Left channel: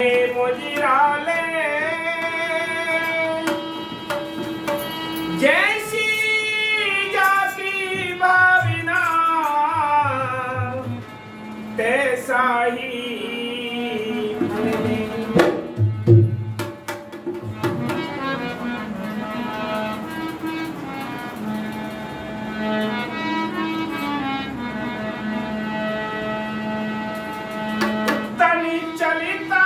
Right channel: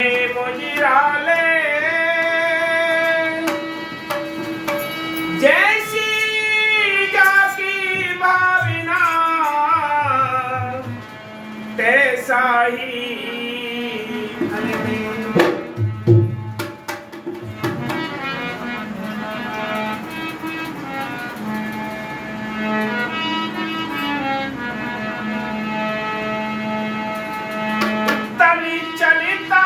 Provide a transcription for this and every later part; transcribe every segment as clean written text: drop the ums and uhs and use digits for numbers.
मुजिराले जैसी जाकी भावना तैसा ही तनी चलिता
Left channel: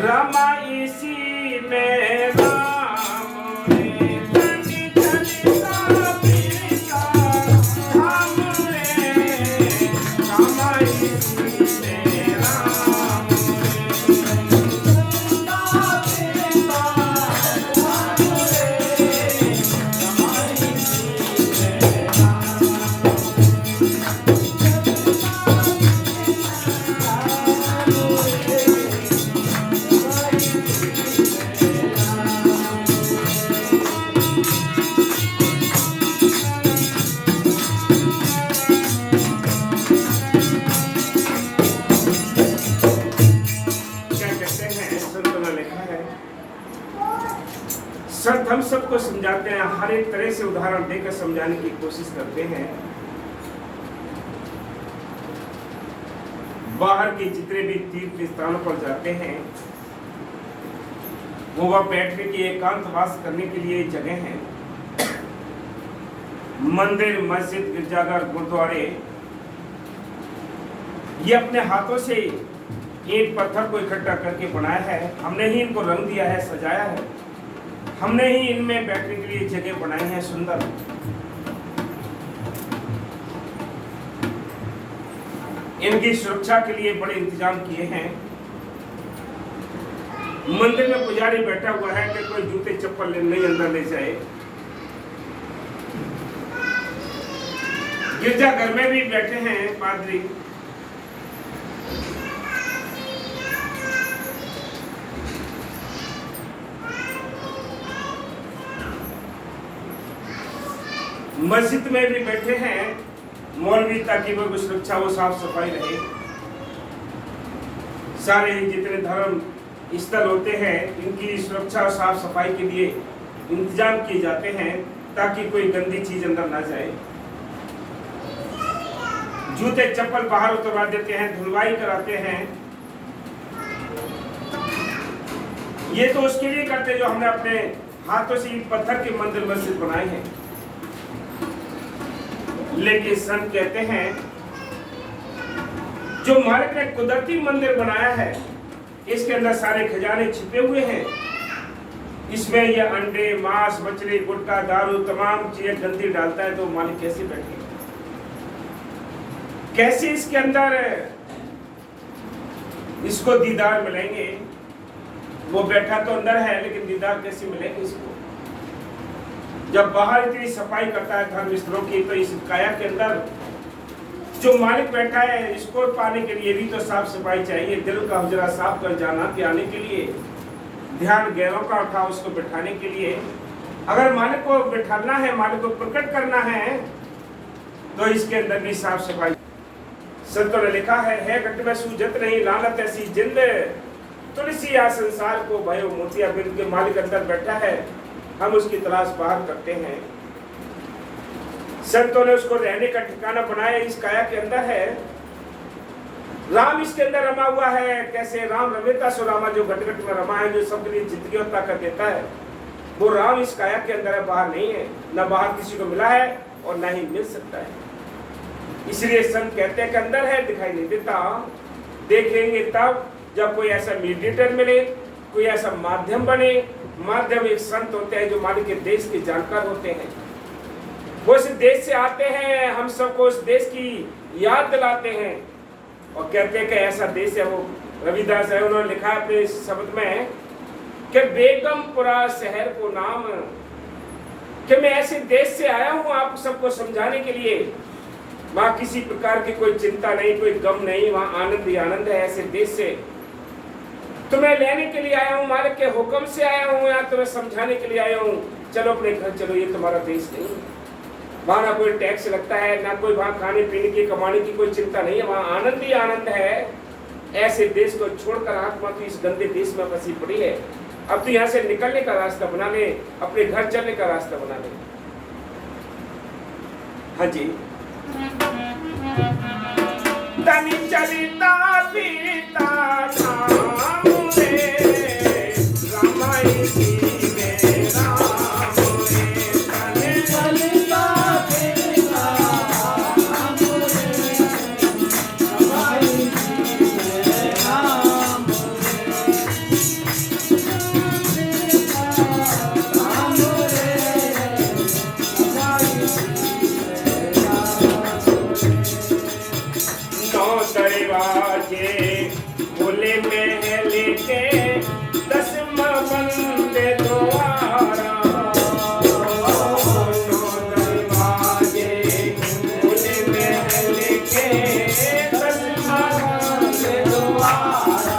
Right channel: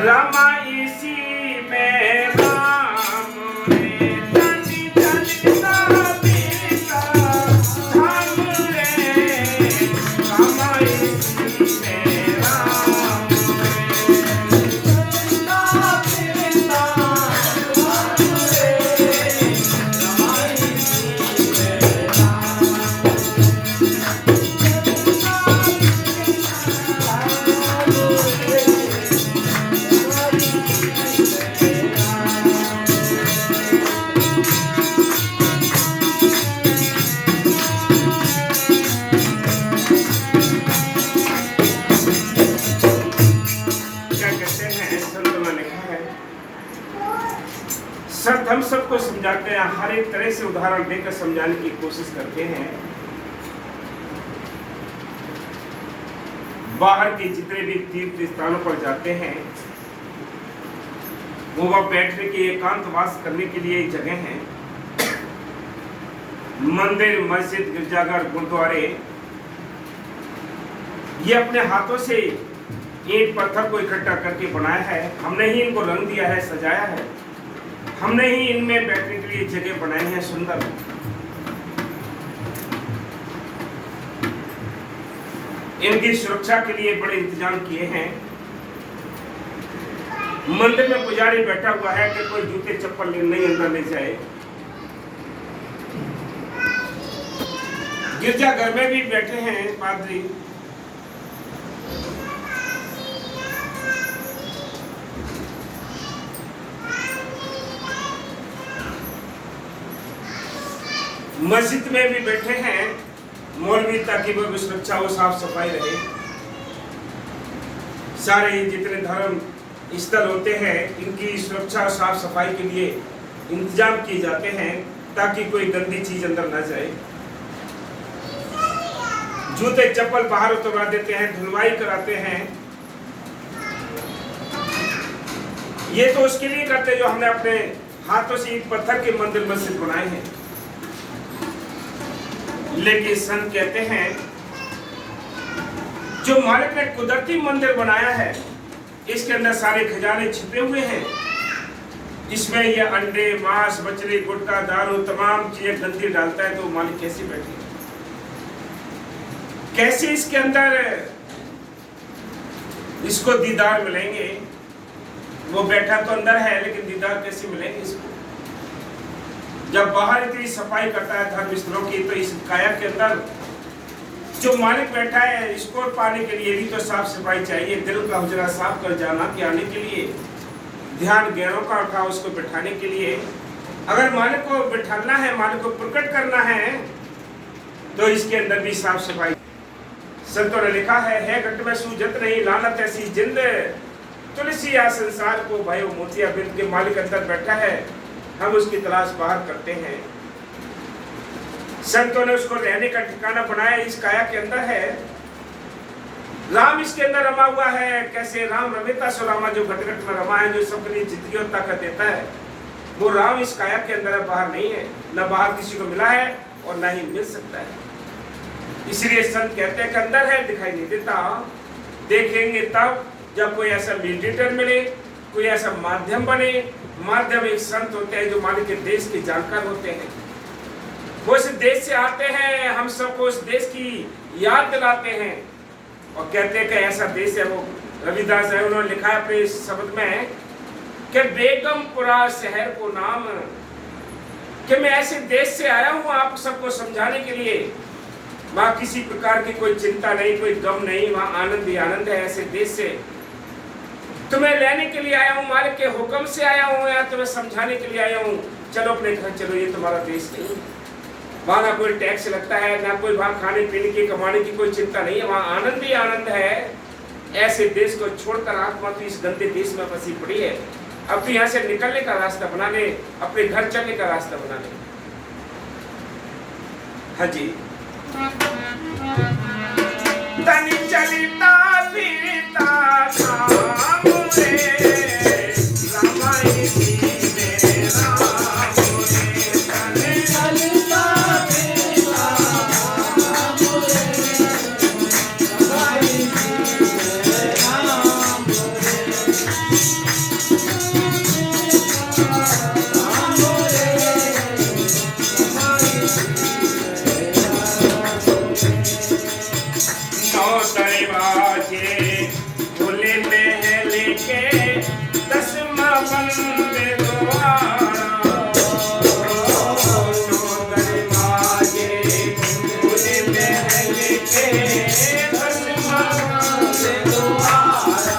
रमा इसी में राम रे तनी चलिता फिरता धाम रे रमा इसी में राम संत हम सबको समझाते हैं, हर एक तरह से उदाहरण देकर समझाने की कोशिश करते हैं। बाहर के जितने भी तीर्थ स्थानों पर जाते हैं वो वह बैठने के एकांतवास करने के लिए जगह है। मंदिर, मस्जिद, गिरजाघर, गुरुद्वारे ये अपने हाथों से ईंट पत्थर को इकट्ठा करके बनाया है। हमने ही इनको रंग दिया है, सजाया है। हमने ही इनमें बैठने के लिए जगह बनाई है सुंदर। इनकी सुरक्षा के लिए बड़े इंतजाम किए हैं। मंदिर में पुजारी बैठा हुआ है कि कोई जूते चप्पल नहीं अंदर ले जाए। गिरजाघर में भी बैठे हैं पादरी। मस्जिद में भी बैठे हैं मौलवी, ताकि वो सुरक्षा हो, साफ सफाई रहे। सारे जितने धर्म स्थल होते हैं इनकी सुरक्षा और साफ सफाई के लिए इंतजाम किए जाते हैं ताकि कोई गंदी चीज अंदर ना जाए। जूते चप्पल बाहर उतरवा देते हैं, धुलवाई कराते हैं। ये तो उसके लिए करते हैं जो हमने अपने हाथों से ईंट पत्थर के मंदिर मस्जिद बनाए हैं। लेकिन संत कहते हैं जो मालिक ने कुदरती मंदिर बनाया है इसके अंदर सारे खजाने छिपे हुए हैं। इसमें ये अंडे, मांस, मछली, गुटखा, दारू तमाम चीजें गंदी डालता है, तो मालिक कैसे बैठे, कैसे इसके अंदर इसको दीदार मिलेंगे। वो बैठा तो अंदर है लेकिन दीदार कैसे मिलेंगे इसको। जब बाहर इतनी सफाई करता है धर्म स्थलों की, तो इस काया के अंदर जो मालिक बैठा है इसको पाने के लिए भी तो साफ सफाई चाहिए। दिल का हुजरा साफ कर जाना के आने के लिए, ध्यान गैरों का उठा उसको बैठाने के लिए। अगर मालिक को बैठाना है, मालिक को प्रकट करना है, तो इसके अंदर भी साफ सफाई। संतों ने लिखा है घट में सूझत नहीं लानत ऐसी जिंद, तुलसी या संसार को भयो मोतिया बिंद के। मालिक अंदर बैठा है, हम उसकी तलाश बाहर करते हैं। संतों ने उसको रहने का ठिकाना बनाया, इस काया के अंदर है। राम इसके अंदर रमा हुआ है। कैसे राम रमेता सुलामा, जो घट घट में रमा है, जो सबके लिए जिंदगी और ताकत देता है, वो राम इस काया के अंदर है, बाहर नहीं है। न बाहर किसी को मिला है और न ही मिल सकता है। इसलिए संत कहते हैं कि अंदर है, दिखाई नहीं देता। देखेंगे तब जब कोई ऐसा मीडिएटर मिले, कोई ऐसा माध्यम बने। माध्यम एक संत होते हैं जो मालिक के देश के जानकार होते हैं। वो इस देश से आते हैं, हम सबको उस देश की याद दिलाते हैं और कहते हैं कि ऐसा देश है। वो रविदास है, उन्होंने लिखा है अपने शब्द में कि बेगमपुरा शहर को नाम, कि मैं ऐसे देश से आया हूँ आप सबको समझाने के लिए। वहाँ किसी प्रकार की कोई चिंता नहीं, कोई गम नहीं, वहाँ आनंद ही आनंद है। ऐसे देश से तुम्हें लेने के लिए आया हूँ, मालिक के हुक्म से आया हूँ, या तुम्हें समझाने के लिए आया हूँ। चलो अपने घर चलो, ये तुम्हारा देश नहीं। वहाँ ना कोई टैक्स लगता है, ना कोई वहाँ खाने पीने की कमाने की कोई चिंता नहीं है, वहाँ आनंद ही आनंद है। ऐसे देश को छोड़कर आत्मा तो इस गंदे देश में फंसी पड़ी है। अब तो यहाँ से निकलने का रास्ता बना ले, अपने घर चलने का रास्ता बना ले। हाँ जी। तनी चलिता पीता नाम रे रामाई जी में राम रे, तनी चलिता पीता नाम रे रामाई जी में राम दरवाजे खुले महल के दसमा बंद द्वारा, दरवाजे खुले महल के दसमा बंद द्वारा,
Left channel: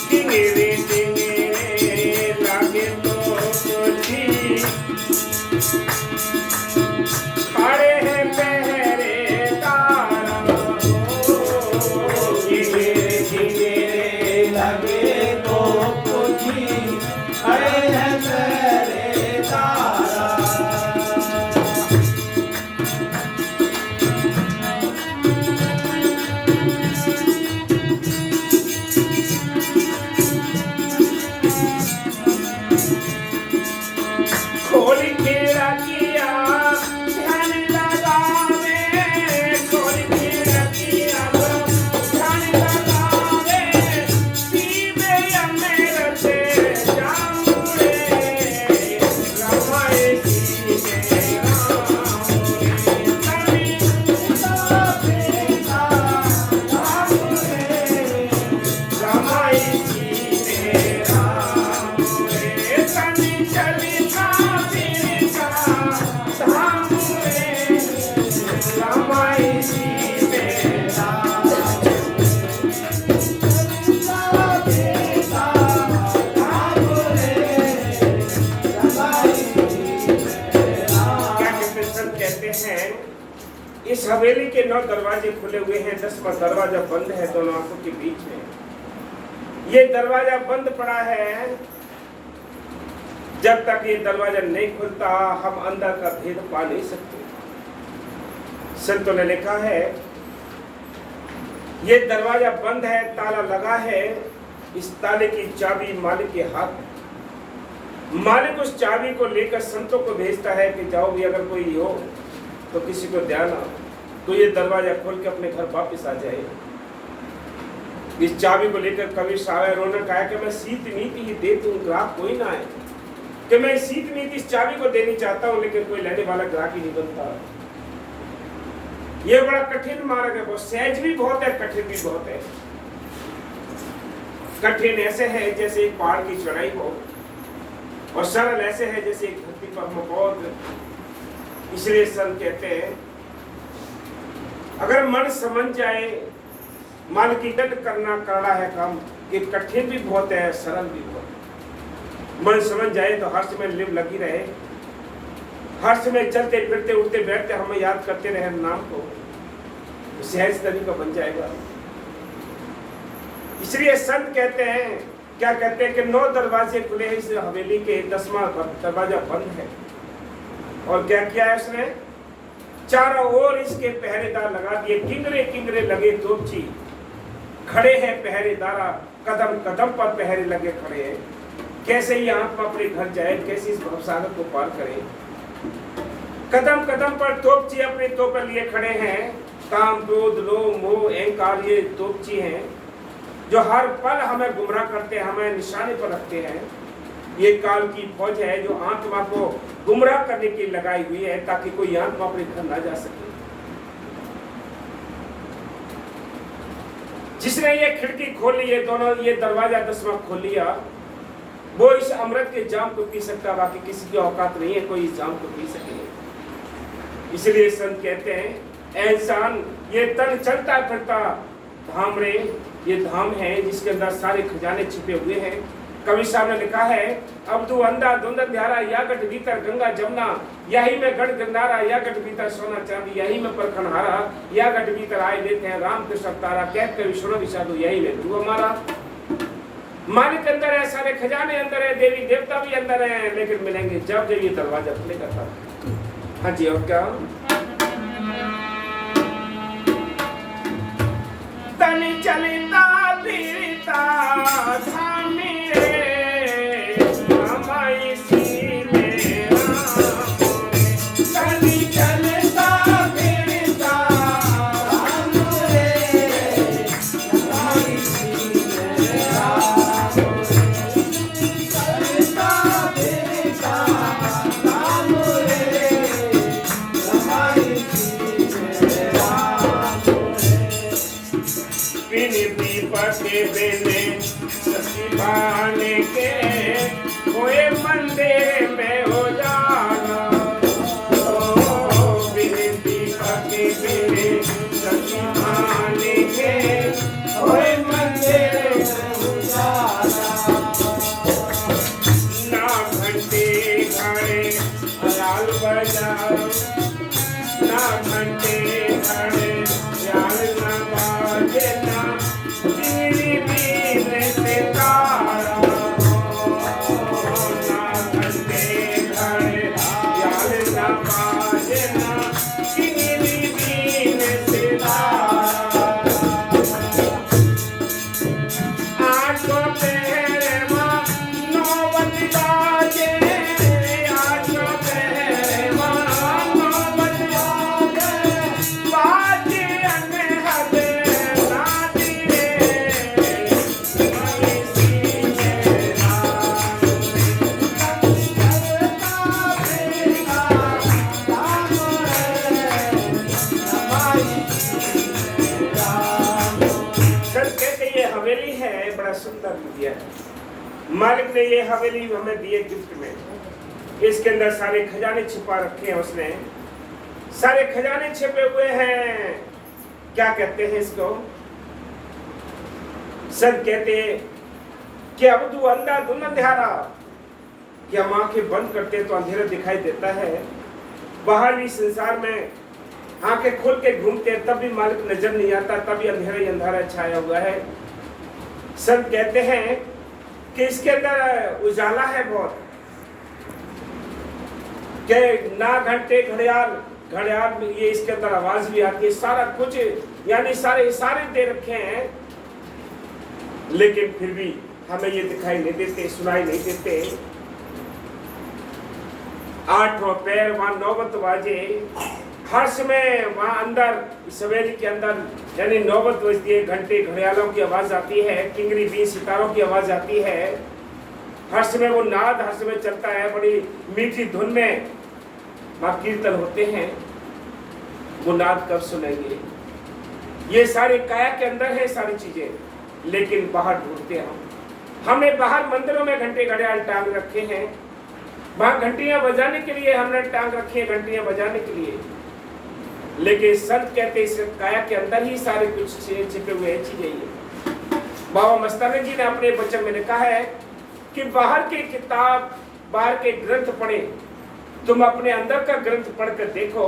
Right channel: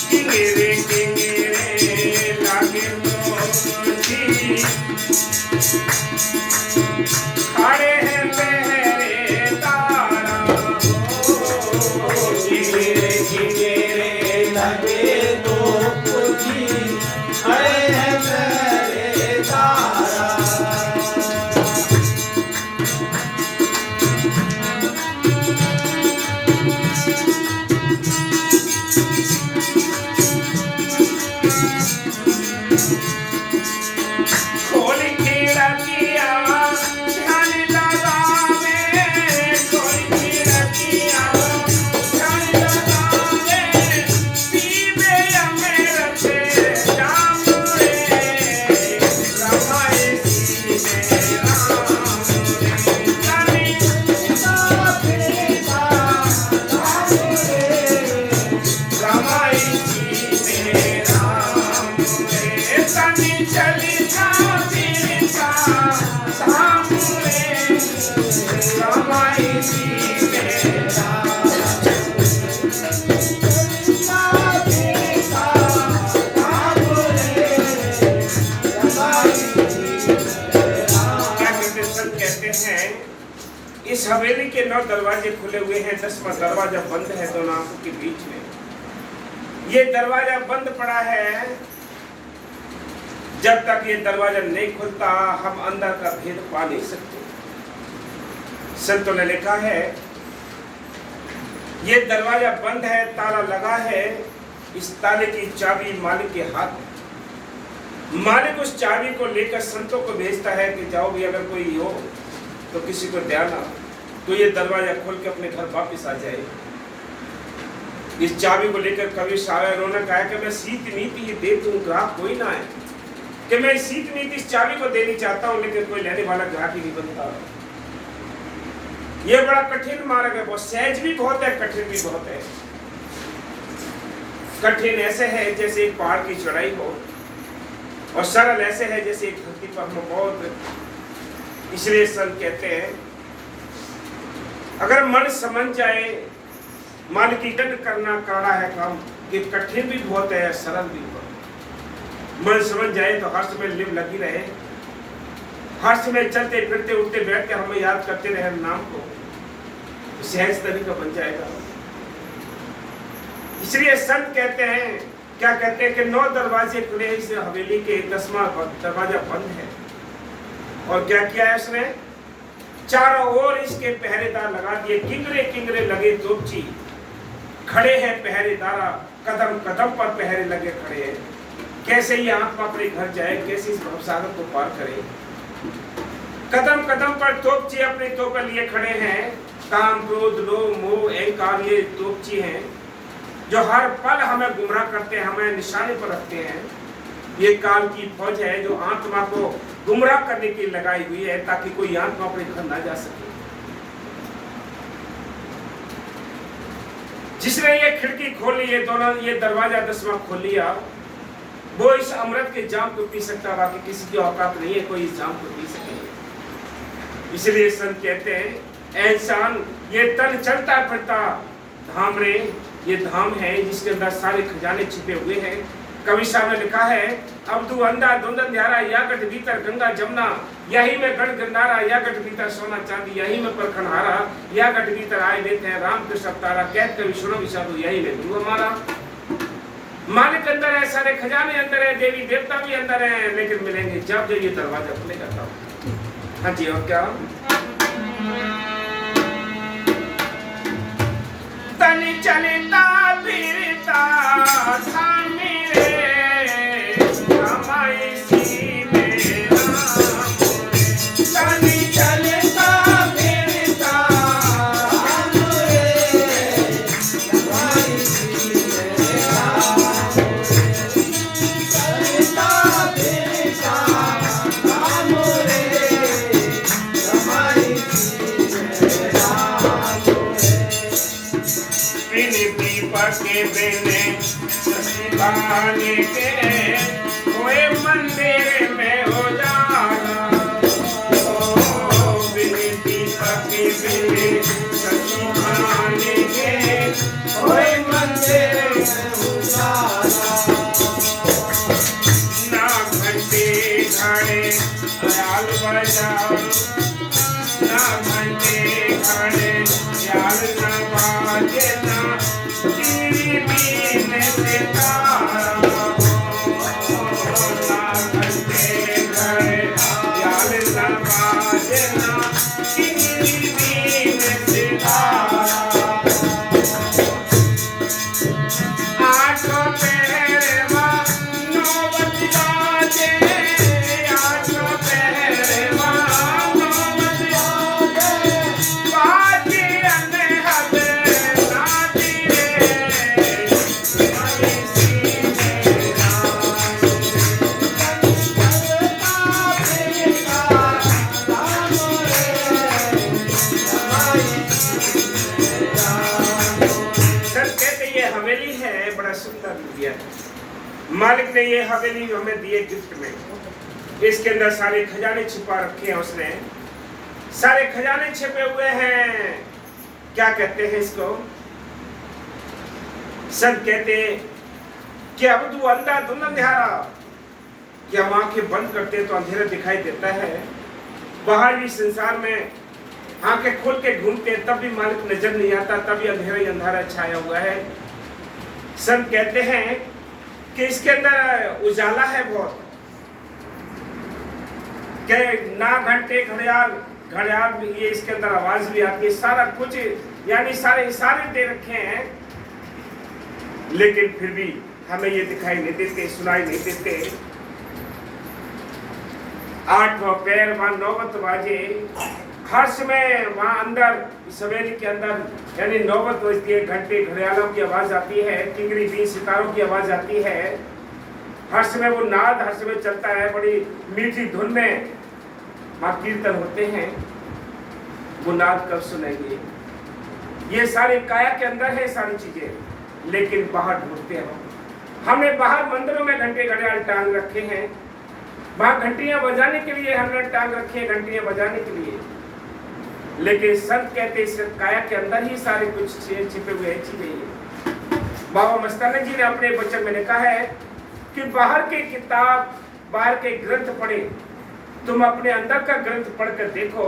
किंगरे किंगरे लागे तो मुझी खड़े हैं इस हवेली के 9 दरवाजे खुले हुए हैं, 10वां दरवाजा बंद है दोनों आंखों के बीच में। ये दरवाजा बंद पड़ा है, जब तक ये दरवाजा नहीं खुलता हम अंदर का भेद पा नहीं सकते। संतों ने लिखा है ये दरवाजा बंद है, ताला लगा है, इस ताले की चाबी मालिक के हाथ। मालिक उस चाबी को लेकर संतों को भेजता है कि जाओ भी, अगर कोई हो तो किसी को ध्यान तो ये दरवाजा खोल के अपने घर वापस आ जाए। इस चाबी को लेकर कवि साहब उन्होंने कहा कि मैं सीत नीति ही दे दूं, ग्राहक कोई ना है, कि मैं सीत नीति इस चाबी को देनी चाहता हूं, लेकिन कोई लेने वाला ग्राहक ही नहीं बनता। ये बड़ा कठिन मार्ग है, बहुत सहज भी बहुत है, कठिन भी बहुत है। कठिन ऐसे है जैसे एक पहाड़ की चढ़ाई हो, और सरल ऐसे है जैसे एक धरती पर हम बहुत। इसलिए संत कहते हैं अगर मन समझ जाए, मन की डट करना कड़ा है काम, ये कठिन भी बहुत है, सरल भी बहुत। मन समझ जाए तो हर समय लिव लगी रहे, हर समय चलते फिरते उठते बैठते हमें याद करते रहे नाम को, तो सहज तरीका बन जाएगा। इसलिए संत कहते हैं, क्या कहते हैं कि 9 दरवाजे खुले, इस हवेली के 10वां दरवाजा बंद है। और क्या किया है उसने? चारों ओर इसके पहरेदार लगा दिए, किंगरे किंगरे लगे तोपची, खड़े हैं पहरेदार, कदम कदम पर पहरे लगे खड़े हैं। कैसे ये आत्मा अपने घर जाए, कैसे इस भवसागर को पार करे। कदम कदम पर तोपची अपने तोपर लिए खड़े हैं। काम क्रोध लोभ मोह अहंकार ये तोपची हैं जो हर पल हमें गुमराह करते हैं, हमें निशाने पर रखते हैं। ये काल की फौज है जो आत्मा को गुमराह करने की लगाई हुई है, ताकि कोई आत्मा अपने घर ना जा सके। जिसने ये खिड़की खोली, ये दोनों ये दरवाजा 10वां खोल लिया, वो इस अमृत के जाम को पी सकता, बाकी किसी की औकात नहीं है कोई इस जाम को पी सके। इसलिए संत कहते हैं इंसान ये तन चलता फिरता धाम रे, ये धाम है जिसके अंदर सारे खजाने छिपे हुए हैं। कवि साहब ने लिखा है, अब तू अंधा धुंध अंधियारा, या गठ भीतर गंगा जमुना, यही में गढ़ गंधारा, या गठ भीतर सोना चांदी, यही में परखन हारा, या गठ भीतर आए लेते हैं राम कृष्ण अवतारा, कहत कवि सुनो विसाधु, यही में गुरु हमारा। मालिक अंदर है, सारे खजाने अंदर है, देवी देवता भी अंदर है, लेकिन मिलेंगे जब ये दरवाजा खुलेगा तब। हाँ जी, और क्या? तन चलता फिरता थाने रे, हमारी सीने रामोरे। तन चलता फिरता थाने रे, हमारी सीने रामोरे। चलता फिरता थाने रे, हमारी सीने रामोरे। पके बेने ससी भाने के, कोई मंदिर में हो जाना। बिनती पके बेने ससी भाने के, कोई मंदिर में हो जाना। ना घंटे घड़े ख्याल बजाओ, ना घंटे घड़े ख्याल न बाजे ना। मालिक ने ये हवेली हमें दिए गिफ्ट में। इसके अंदर सारे खजाने छिपा रखे हैं उसने, सारे खजाने छिपे हुए हैं। क्या कहते हैं इसको? संत कहते कि अब तू अंधा धुंध अंधियारा, कि हम आंखें बंद करते तो अंधेरा दिखाई देता है। बाहर भी संसार में आंखें खोल के घूमते तब भी मालिक नजर नहीं आता, तभी अंधेरा ही अंधारा छाया हुआ है। संत कहते हैं कि इसके अंदर उजाला है बहुत, कि ना घंटे घड़ियाल घड़ियाल में ये इसके अंदर आवाज भी आती है, सारा कुछ यानी सारे इशारे दे रखे हैं, लेकिन फिर भी हमें ये दिखाई नहीं देते, सुनाई नहीं देते। 8वां पैर वहां नौबत बाजे, हर समय वहां अंदर सवेरे के अंदर यानी नौबत बजती है, घंटे घड़ियालों की आवाज आती है, किंगरी बीन सितारों की आवाज आती है। हर समय वो नाद हर समय चलता है, बड़ी मीठी धुन में मां कीर्तन होते हैं। वो नाद कब सुनेंगे? ये सारी काया के अंदर है सारी चीजें, लेकिन बाहर ढूंढते हम। हमने बाहर मंदिरों में घंटे घड़ियाल टांग रखे हैं, वहां घंटियां बजाने के लिए हमने टांग रखी है, घंटियां बजाने के लिए। लेकिन संत कहते इस काया के अंदर ही सारे कुछ छिपे हुए चीजें हैं। बाबा मस्तानंद जी ने अपने वचन में लिखा है कि बाहर के किताब, बाहर के ग्रंथ पढ़े, तुम अपने अंदर का ग्रंथ पढ़कर देखो।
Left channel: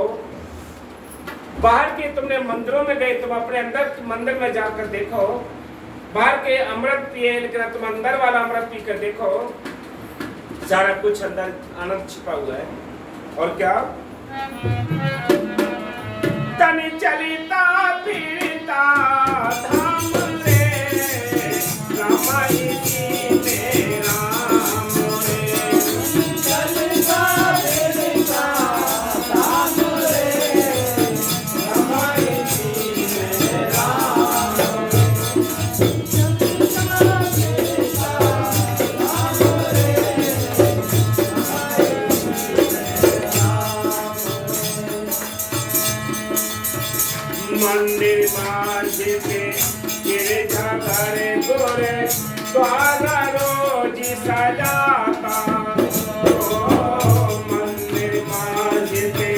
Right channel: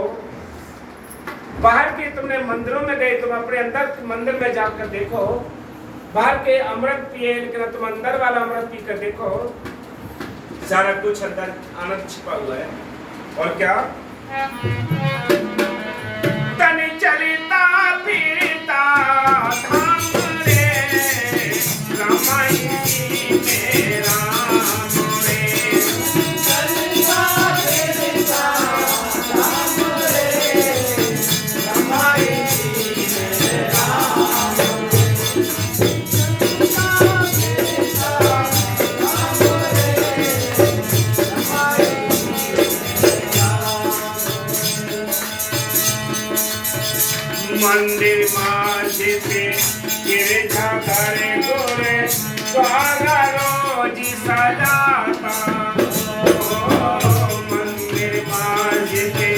बाहर के तुमने मंदिरों में गए, तुम अपने अंदर मंदिर में जाकर देखो। बाहर के अमृत पिए, लेकिन तुम अंदर वाला अमृत पी कर देखो, सारा कुछ अंदर आनंद छिपा हुआ है। और क्या? तन चलता फिरता धाम रे, रमाई में राम रे। चलता फिरता धाम रे, रमाई में राम रे। चलता फिरता धाम रे, रमाई में राम रे। मंदिर माझे पे गिरजा घरे गोरे, द्वारा रोज सजाता। मंदिर माझे पे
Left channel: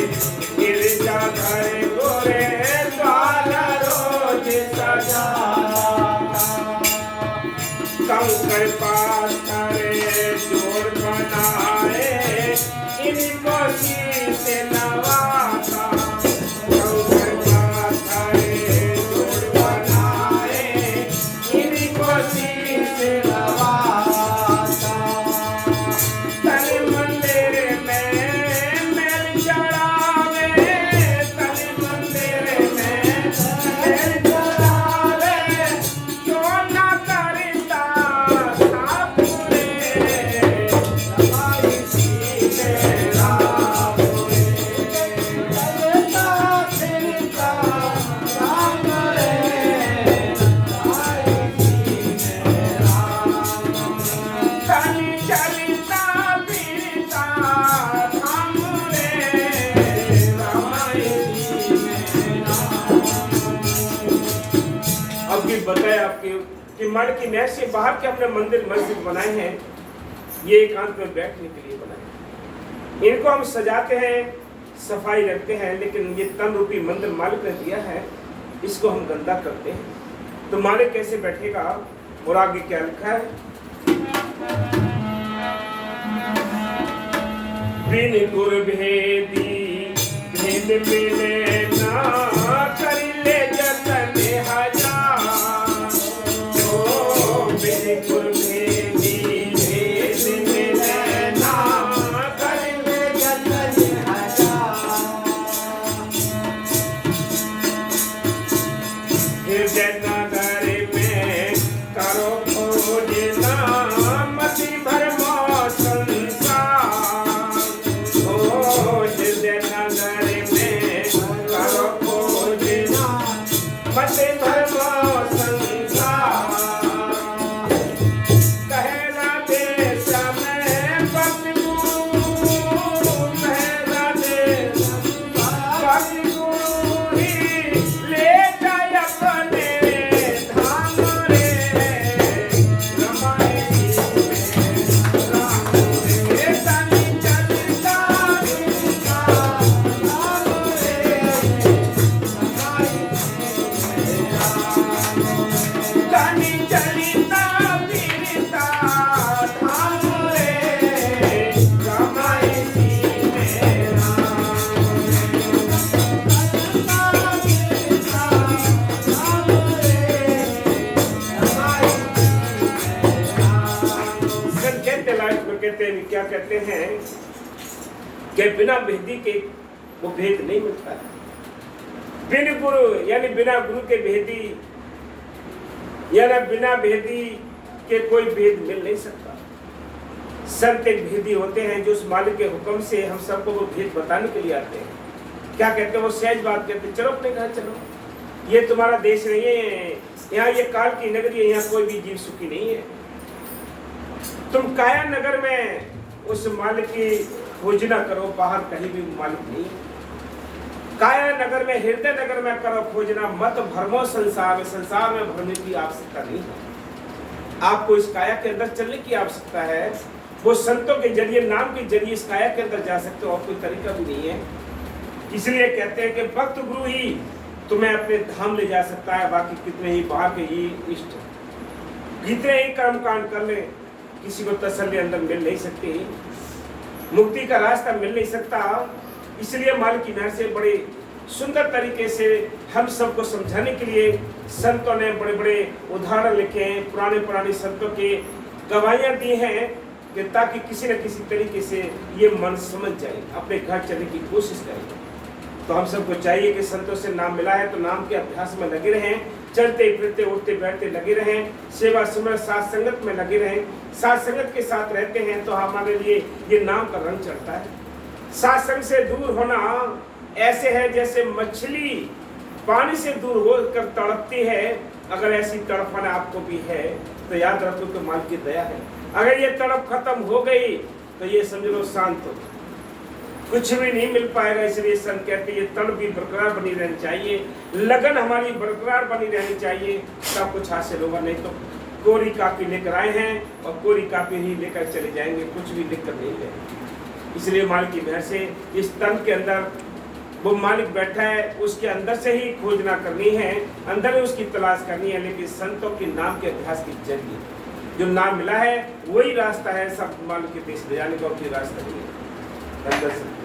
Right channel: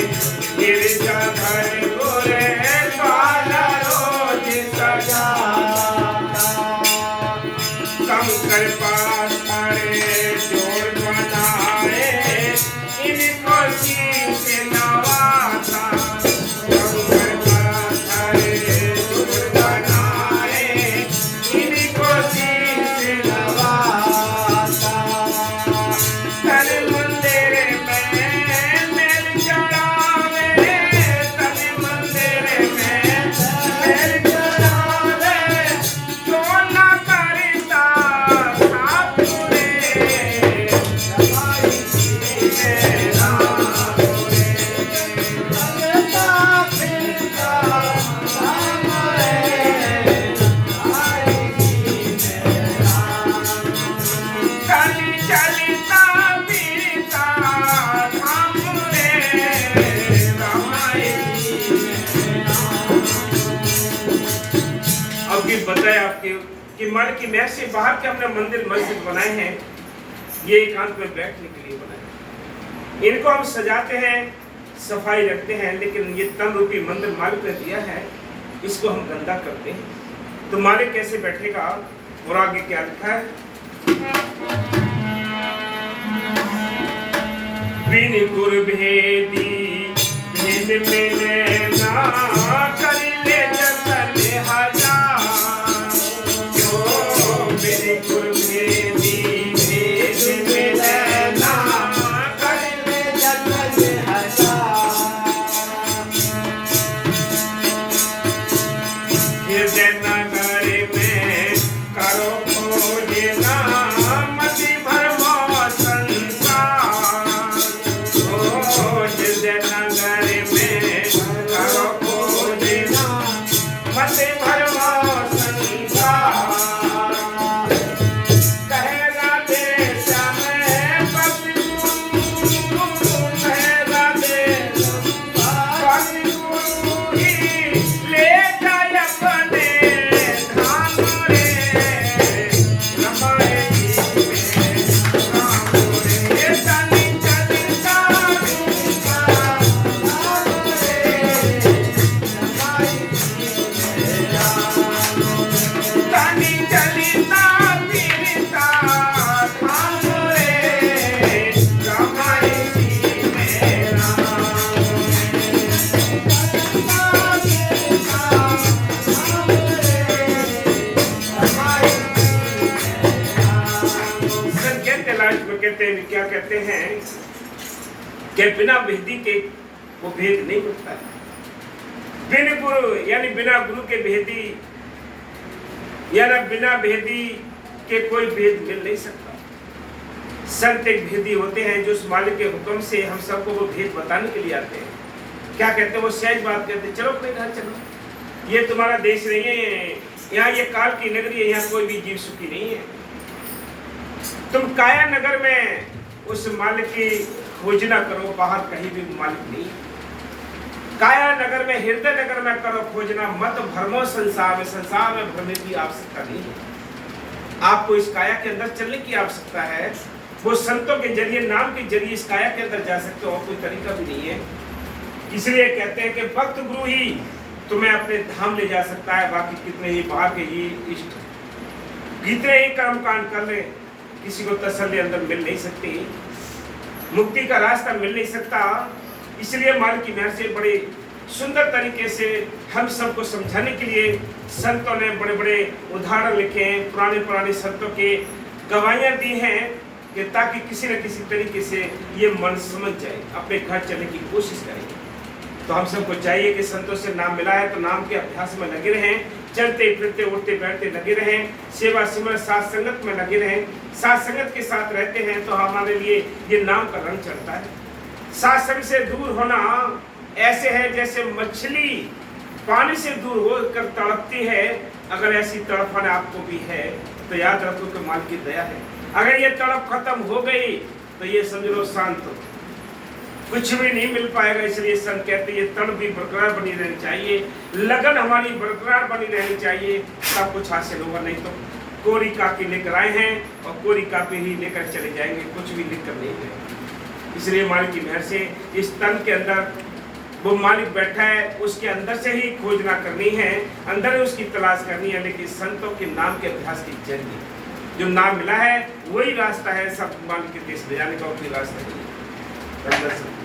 गिरजा घरे गोरे, द्वारा रोज सजाता। कंकर पाथर क्योंकि बताया आपके कि मालिक की मेहर से बाहर के हमने मंदिर मस्जिद बनाए हैं, ये एकांत में बैठने के लिए बनाए। इनको हम सजाते हैं, सफाई रखते हैं, लेकिन ये तन रूपी मंदिर मालिक ने दिया है, इसको हम गंदा करते हैं। तो मालिक कैसे बैठेगा? और आगे क्या लिखा है? बिन गुर भेदी भेद मिले ना, कर ले जतन हजार। ओ बिन गुर भेदी भेद मिले ना, कर ले जतन हजार। हृदय नगर में करो खोजना, मति भरमा संसार। ओ हृदय नगर में करो खोजना, मति भरमा संसार। कहेला देश में भक्ति गुरु, कहेला देश भक्ति गुरु ही ले जाय अपने धाम रे। रमाए में राम रे, तनि चलिता रूपा राम रे। रमाए तनि चलिता बीता धाम रे। रमाए में कहते हैं, क्या कहते हैं कि बिना भेदी के वो भेद नहीं होता। बिन गुरु यानी बिना गुरु के भेदी, यानी बिना भेदी के कोई भेद मिल नहीं सकता। संत एक भेदी होते हैं जो उस मालिक के हुक्म से हम सबको वो भेद बताने के लिए आते हैं। क्या कहते हैं? वो सहज बात कहते हैं, चलो अपने घर चलो, ये तुम्हारा देश नहीं है, यहाँ ये काल की नगरी है, यहाँ कोई भी जीव सुखी नहीं है। तुम काया नगर में उस मालिक की खोजना करो, बाहर कहीं भी मालिक नहीं है। काया नगर में, हृदय नगर में करो खोजना, मत भ्रमो संसार में। संसार में भ्रमने की आवश्यकता नहीं है। आपको इस काया के अंदर चलने की आवश्यकता है। वो संतों के जरिए, नाम के जरिए इस काया के अंदर जा सकते हो, और कोई तरीका भी नहीं है। इसलिए कहते हैं कि भक्त गुरु ही तुम्हें अपने धाम ले जा सकता है। बाकी कितने ही बाहर के ही इष्ट, कितने ही कर्म कांड कर ले, किसी को तसल्ली अंदर मिल नहीं सकती, मुक्ति का रास्ता मिल नहीं सकता। इसलिए मालिक की मेहर से बड़े सुंदर तरीके से हम सबको समझाने के लिए संतों ने बड़े बड़े उदाहरण लिखे हैं, पुराने संतों के गवाहियां दी हैं, कि ताकि किसी न किसी तरीके से ये मन समझ जाए, अपने घर चलने की कोशिश करें। तो हम सबको चाहिए कि संतों से नाम मिला है तो नाम के अभ्यास में लगे रहें, चलते फिरते उठते बैठते लगे रहें, सेवा सिमरन साथ संगत में लगे रहें। साथ संगत के साथ रहते हैं तो हमारे लिए ये नाम का रंग चढ़ता है। साथ संग से दूर होना ऐसे है जैसे मछली पानी से दूर होकर तड़पती है। अगर ऐसी तड़पन आपको भी है तो याद रखो तो मालिक की दया है। अगर ये तड़प खत्म हो गई तो ये समझ लो शांत हो, कुछ भी नहीं मिल पाएगा। इसलिए संत कहते हैं ये तड़प भी बरकरार बनी रहनी चाहिए, लगन हमारी बरकरार बनी रहनी चाहिए, सब कुछ हासिल होगा। नहीं तो कोरी कापी लेकर आए हैं और कोरी कापी ही लेकर चले जाएंगे, कुछ भी लिखकर नहीं जाएंगे। इसलिए मालिक की मेहर से इस तन के अंदर वो मालिक बैठा है, उसके अंदर से ही खोजना करनी है, अंदर ही उसकी तलाश करनी है। लेकिन संतों के नाम के अभ्यास की जल्दी जो नाम मिला है वही रास्ता है सब मालिक के देश ले जाने का, कोई रास्ता नहीं है।